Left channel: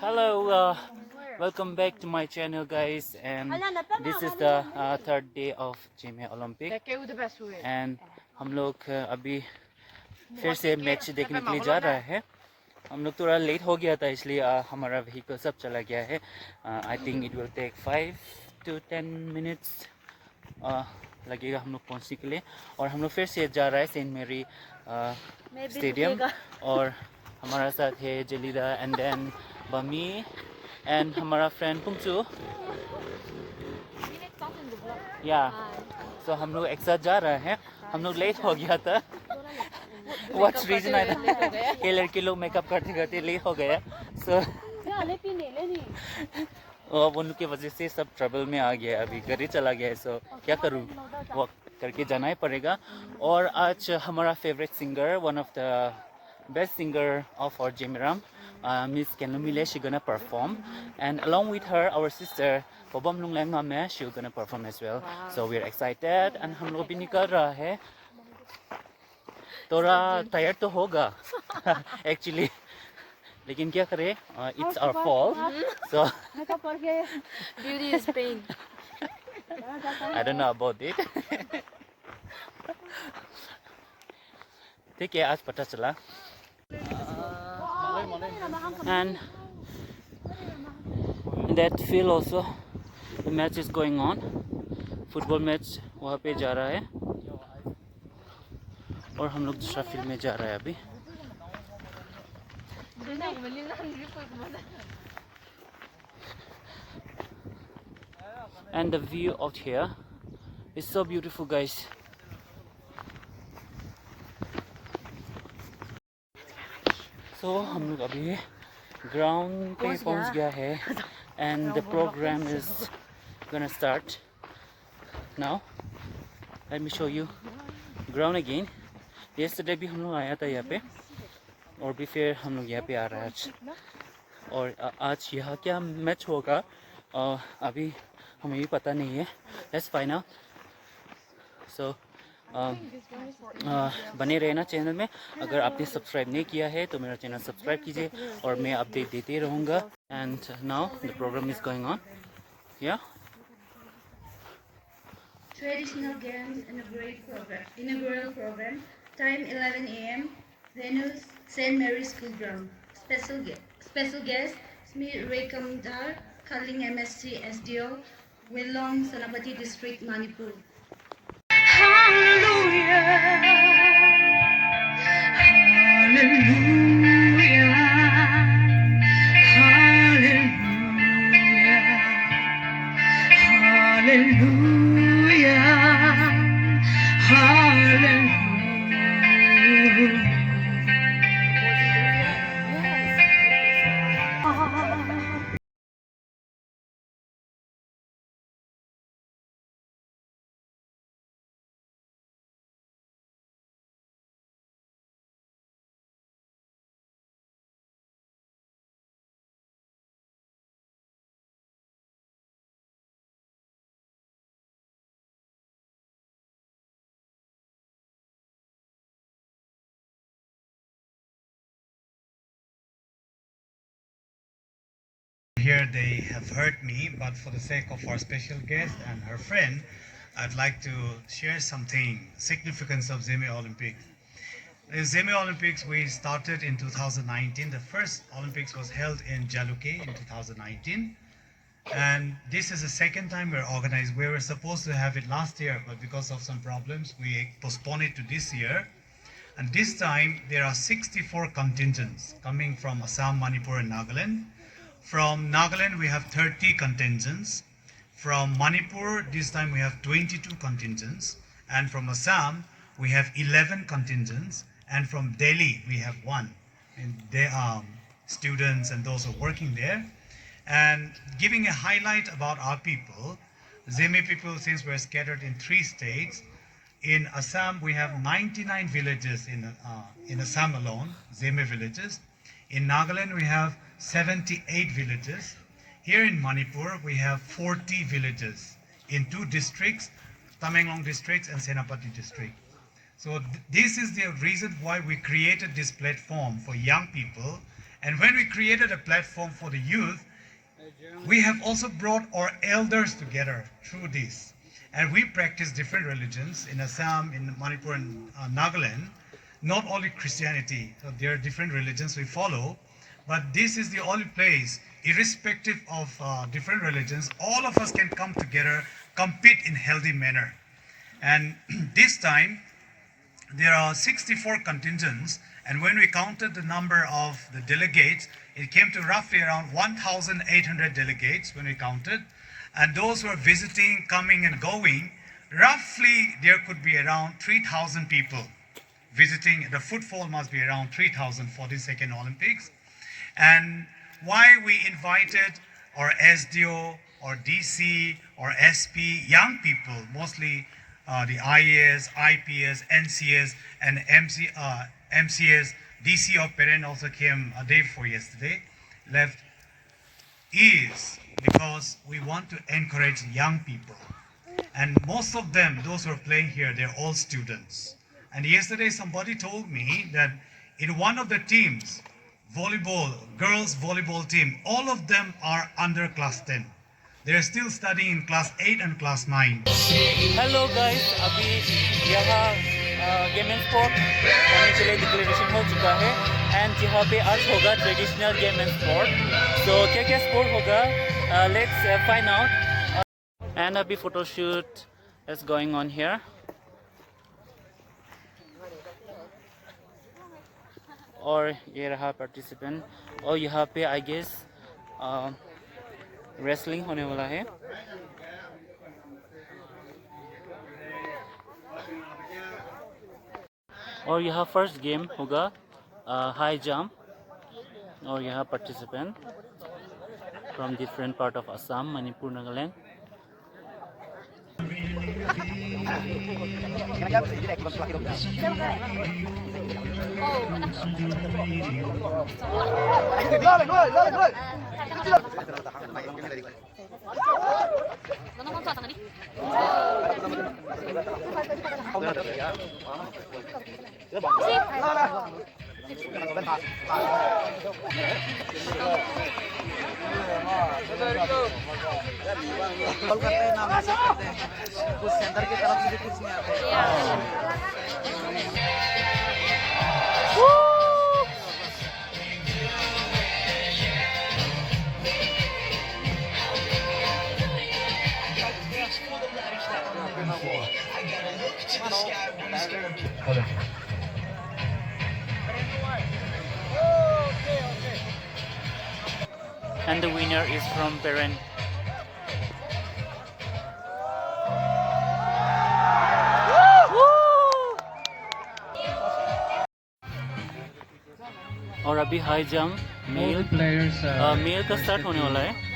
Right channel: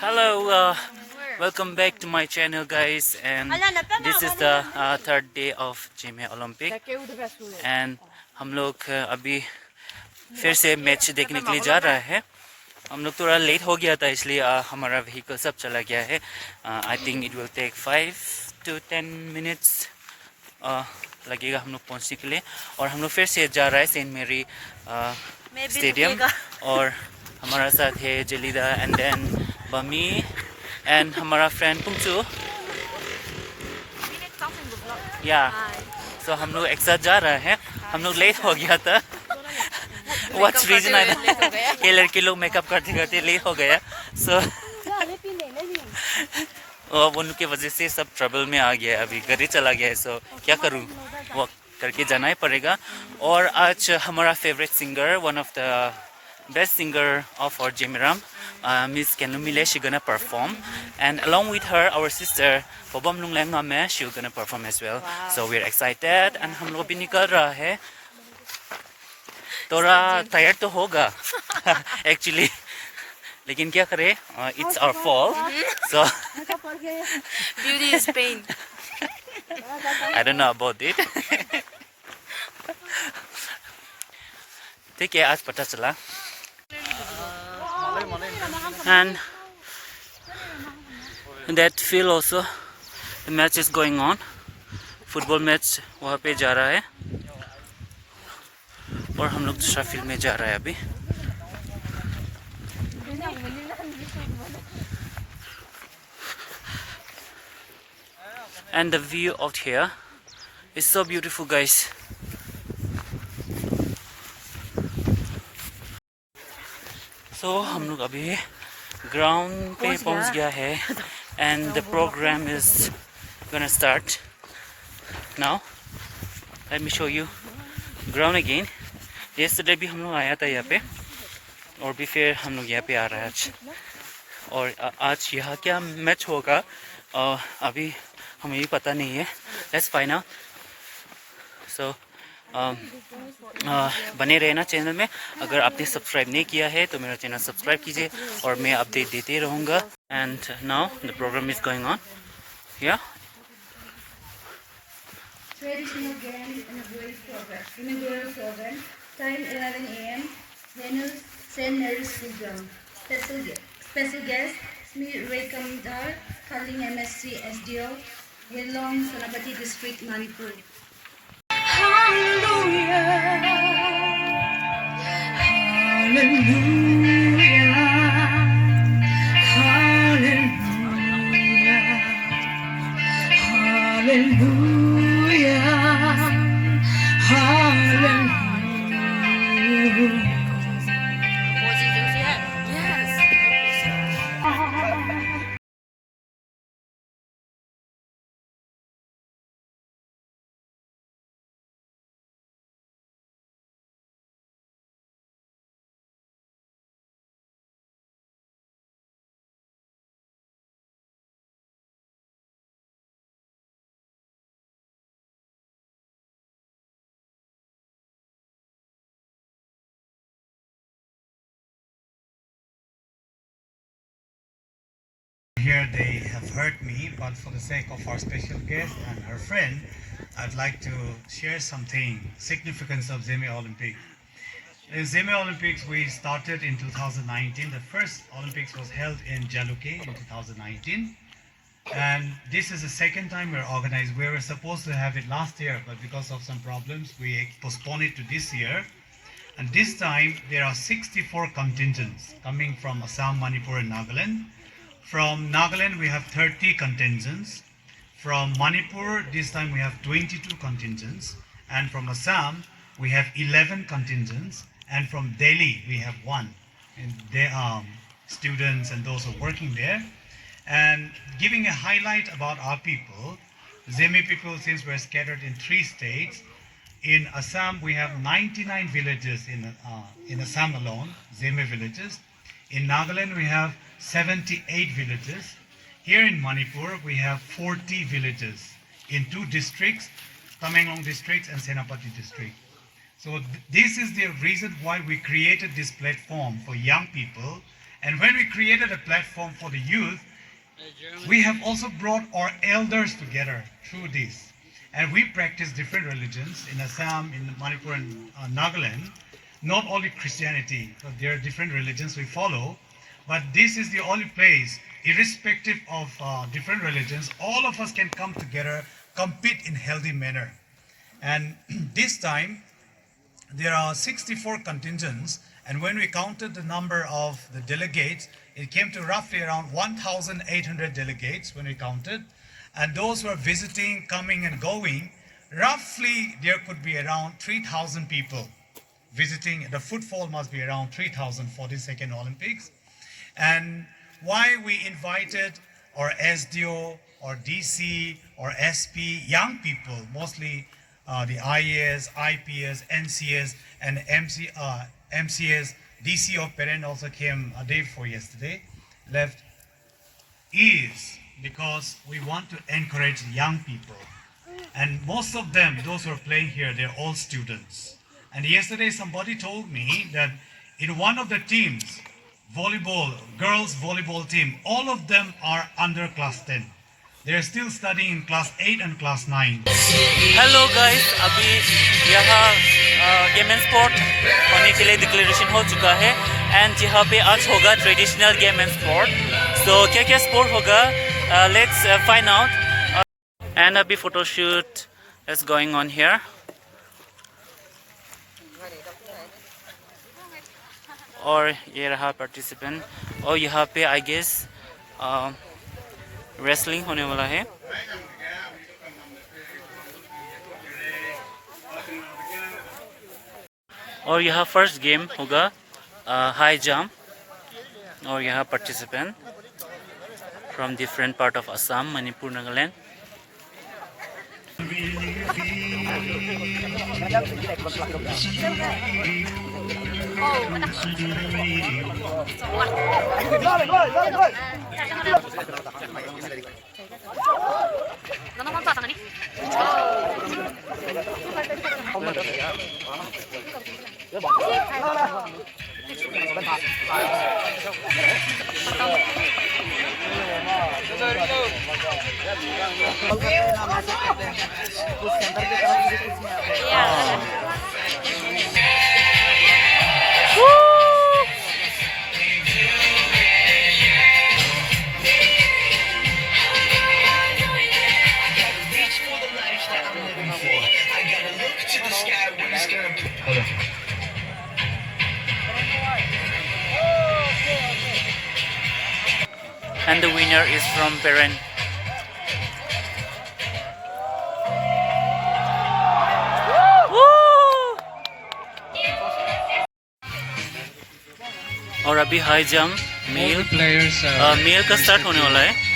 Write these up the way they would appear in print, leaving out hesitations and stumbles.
Hello, welcome back to my channel, guys. And this is the third day of GMA Olympic. And हम लोग अभी फिर से match देखने के लिए जा रहा है. हम लोग थोड़ा लेट हो गया था इसलिए हमारा व्हीकल सब चला गया है. I think it will take 5 to 10 minutes लगेगा हम लोग पहुंचने के लिए. और हम लोग फिर से जा रहा है सेंट मेरी स्टेडियम. और हमारा साथ है जलीदा एंड देन बमी एंड हमारा फ्रेंड पुंगचू. या सो हम लोग एक साथ जा रहे हैं. हम लोग लेट हो गया था. व्हाट्स रीजन ये लड़के लोग मेकअप करते करते लेट हो गया. सो उनके वजह से सब ट्रबल में आ गया. अभी घर ही चला गया है. सो क्या करूँ, वो करके जाना ही पड़ेगा. और आज हमारा favourite singer, one of the best singer of our Jimiram, Miss Kenlumile, she's gonna perform, and along with her, our sister Pobam Nunglang Name, she's gonna perform as well. Wow. So we're excited, and हम लोग भी निकल रहा है. थोड़ा tired तो होगा, actually. लेकिन क्या करें? It's our fault. So beauty is pain. I don't know about it. ठीक है, आज पता चला. And in that field also the match is going on. Football match वहाँ पे जा रहा है और हम लोग दूसरा फील्ड में जा रहा है अभी. And the view out here is so beautiful, guys. So हम लोग अभी ग्राउंड पे पहुंच गया है. And the program is gonna start now. Let me show you ground again. Yesterday भी हम लोग आया था यहाँ पे और भी फिर हम लोग यहाँ पे आ रहा है आज. और आज यहाँ क्या मैच होगा अभी हमें भी पता नहीं है. Let's find out. So बने रहना चैनल में. अगर आपने सब्सक्राइब नहीं किया है तो मेरा चैनल सब्सक्राइब कीजिए और मैं अपडेट देते रहूँगा. And now the programme is going on. या Traditional game inaugural program. Time 11 a.m. Venue St. Mary's School Ground. Special guest Smi Rekamdar, Kaling MSc SDO, Wilong, Sonapati District, Manipur. Hallelujah, hallelujah, hallelujah, hallelujah, hallelujah. Here they have heard me, but for the sake of our special guest and her friend, I'd like to share something significance of Zeme Olympic. The Zeme Olympics we started in 2019. The first Olympics was held in Jaluke in 2019. And this is the second time we're organized. We were supposed to have it last year, but because of some problems, we postponed it to this year. And this time, there are 64 contingents coming from Assam, Manipur, and Nagaland. From Nagaland, we have 30 contingents. From Manipur, this time we have 22 contingents. And from Assam, we have 11 contingents. And from Delhi, we have 1. And they are students and those who are working there. And giving a highlight about our people, Zeme people, since we're scattered in 3 states, in Assam, we have 99 villages in Assam alone, Zeme villages. In Nagaland, we have 78 villages. Here in Manipur, we have 40 villages in 2 districts, Tamenglong district and Senapati district. So this is the reason why we created this platform for young people And when we created a platform for the youth, we have also brought our elders together through this. And we practice different religions in Assam, in Manipur and Nagaland. Not only Christianity, but there are different religions we follow. But this is the only place, irrespective of different religions, all of us can come together, compete in healthy manner. And this time, there are 64 contingents, and when we counted the number of the delegates, it came to roughly around 1,800 delegates when we counted. And those who are visiting, coming and going, roughly there could be around 3,000 people visiting. The footfall must be around 3,000 for the second Olympics. And why we invited our SDO, or DC, or SP, young people, mostly the IAS, IPS, NCS, and MCS, DC of Peren also came a day before yesterday, left, is because we want to encourage young people. And most of them, those who are playing here, they're all students. And yesterday somebody told me that in one of the teams, volleyball, girls volleyball team, all of them are under class 10. They're still studying in class 8 and class 9. Hello guys, अभी यहाँ game and sport होने के लिए declaration हो चुका है and यहाँ पे आज होगा ट्रेडिशनल गेम एंड स्पोर्ट. सो क्या क्या स्पोर्ट होगा, लेट्स फाइंड आउट. एंड अभी photoshoot is going on here. और ये रहा पार्टिसिपेंट. और यहाँ पे आई गेस रेसलिंग होने वाला है. और यहाँ फर्स्ट गेम होगा हाई जंप. और यहाँ participant from different part of Assam, Manipur, Nagaland. And the winner is from Peren. और अभी हाई जंप मेल का स्टार्ट होने वाला है.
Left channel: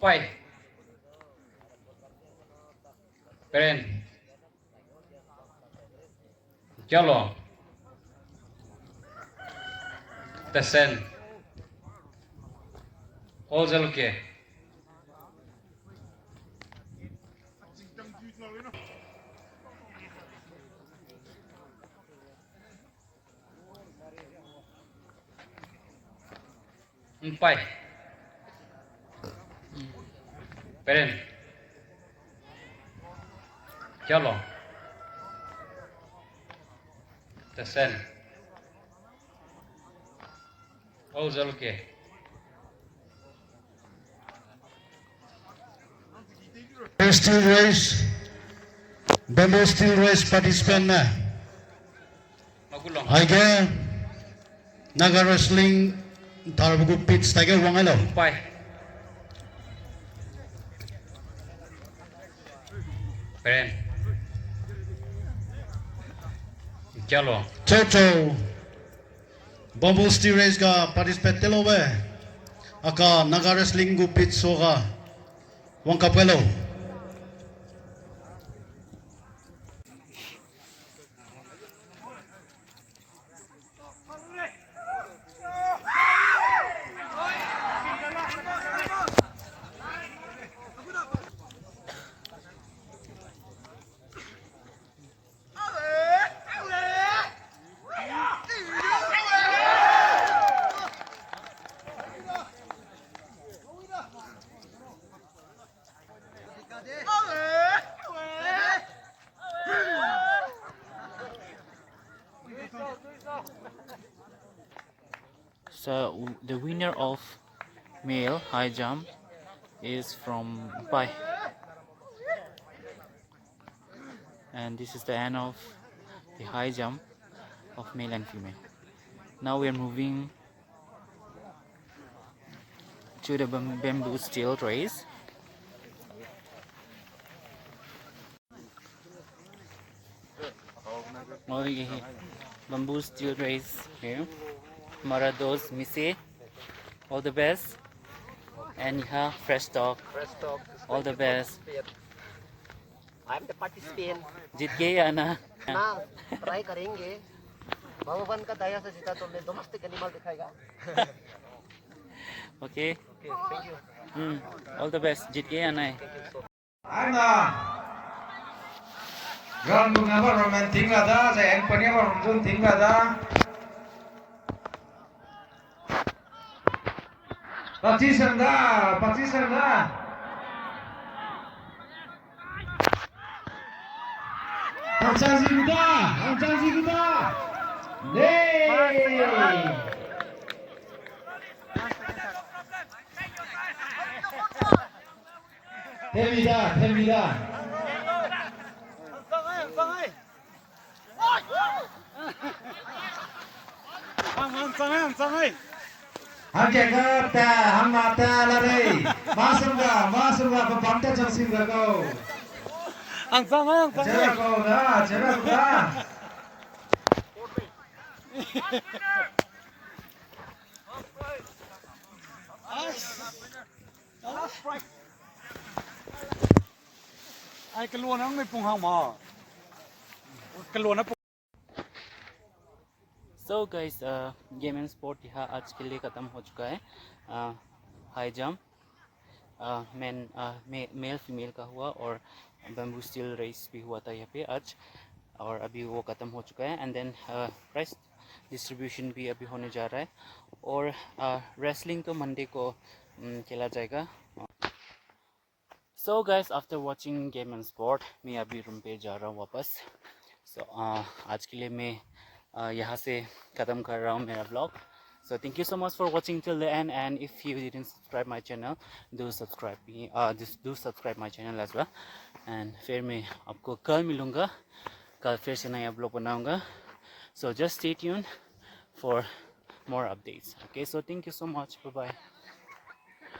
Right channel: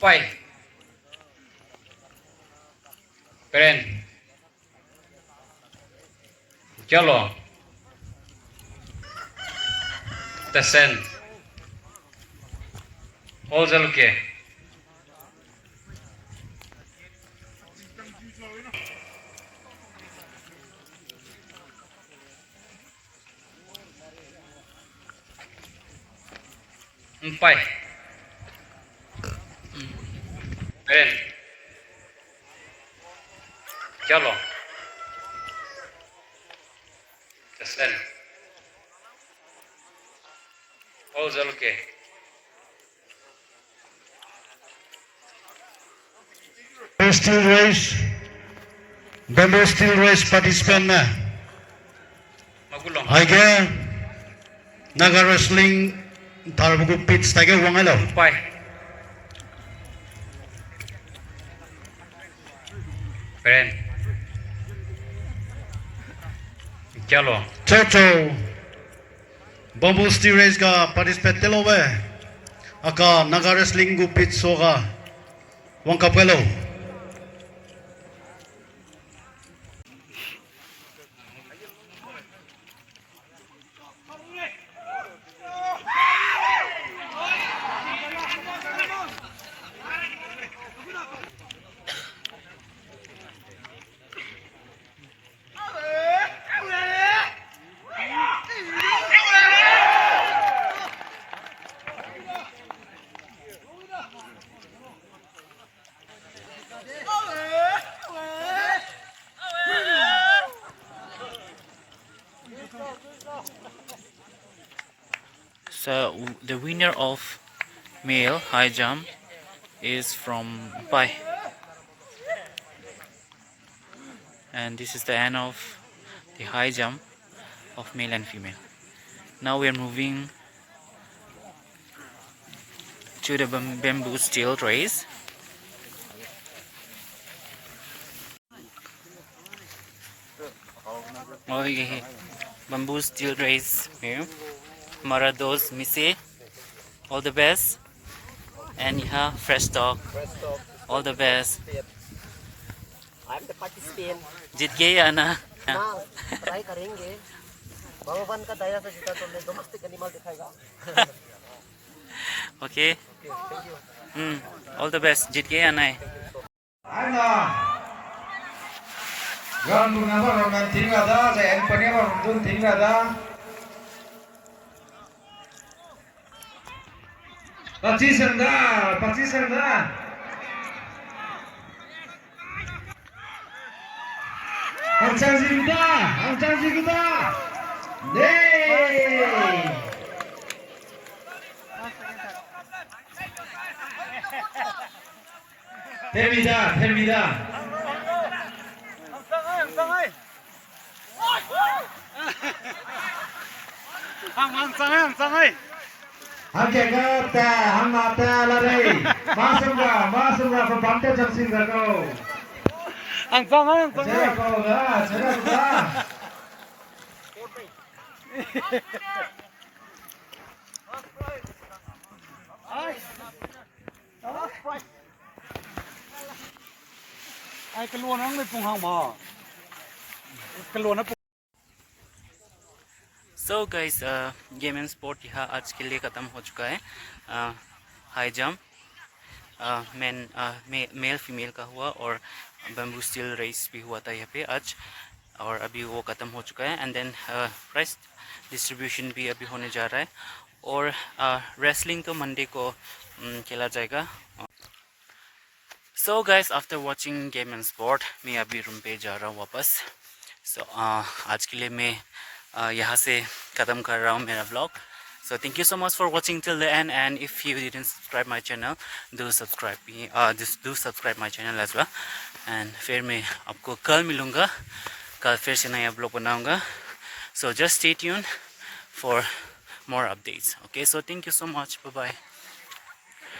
Pai Peren Chalo Tesen Ozal ke Pai Peren Chalo Tesen Ozal ke Steel race, bamboo steel race participant na. Magulong Aige Naga Wrestling Tarbugu Pitch Tiger Wangalo. Pai. Peren. Kyalo. Chocho Bamboo Steel Race ka participate telowe. Aka Naga Wrestling gu pitch soga Wangkapelo. So the winner of male high jump is from Pai, and this is the end of the high jump of male and female. Now we are moving to the bamboo steel race. Okay, bamboo steel race here. हमारा दोस्त मिसे, all the best, and यहाँ fresh talk, all the best. I'm the participant. जीत गए या ना? ना try करेंगे भगवान का दया से जीता तो मैं डोमेस्टिक एनिमल दिखाएगा Okay, thank you all the best. जीत गए या ना? Gan punya orang nanti nggak ada, saya punya orang pun tinggal ada. Pasti senda, pasti senda. Angcasi kita, deh. Termida. Hang jaga, hang mata lari. Masuk lah, pembantu jangsin jago. Jago lah. Ai cái luôn nó người cùng hồng mà. Cái luôn nó So guys, game and sport यहाँ आज के लिए ख़त्म हो चुका है. High jump male female का हुआ और बैम्बू स्टील रेस भी हुआ था यहाँ पे आज, और अभी वो ख़त्म हो चुका है. एंड देन प्राइस डिस्ट्रीब्यूशन भी अभी होने जा रहा है, और रेसलिंग तो मंडे को खेला जाएगा. So guys, after watching game and sport मैं अभी रूम पे जा रहा हूँ वापस. सो आज के लिए मैं यहाँ से ख़त्म कर रहा हूँ मेरा vlog. So thank you so much for watching till the end, and if you didn't subscribe my channel, do subscribe my channel as well. And फिर मैं आपको कल मिलूँगा, कल फिर से नया ब्लॉग बनाऊँगा. So just stay tuned for more updates. Okay, so thank you so much. Bye bye.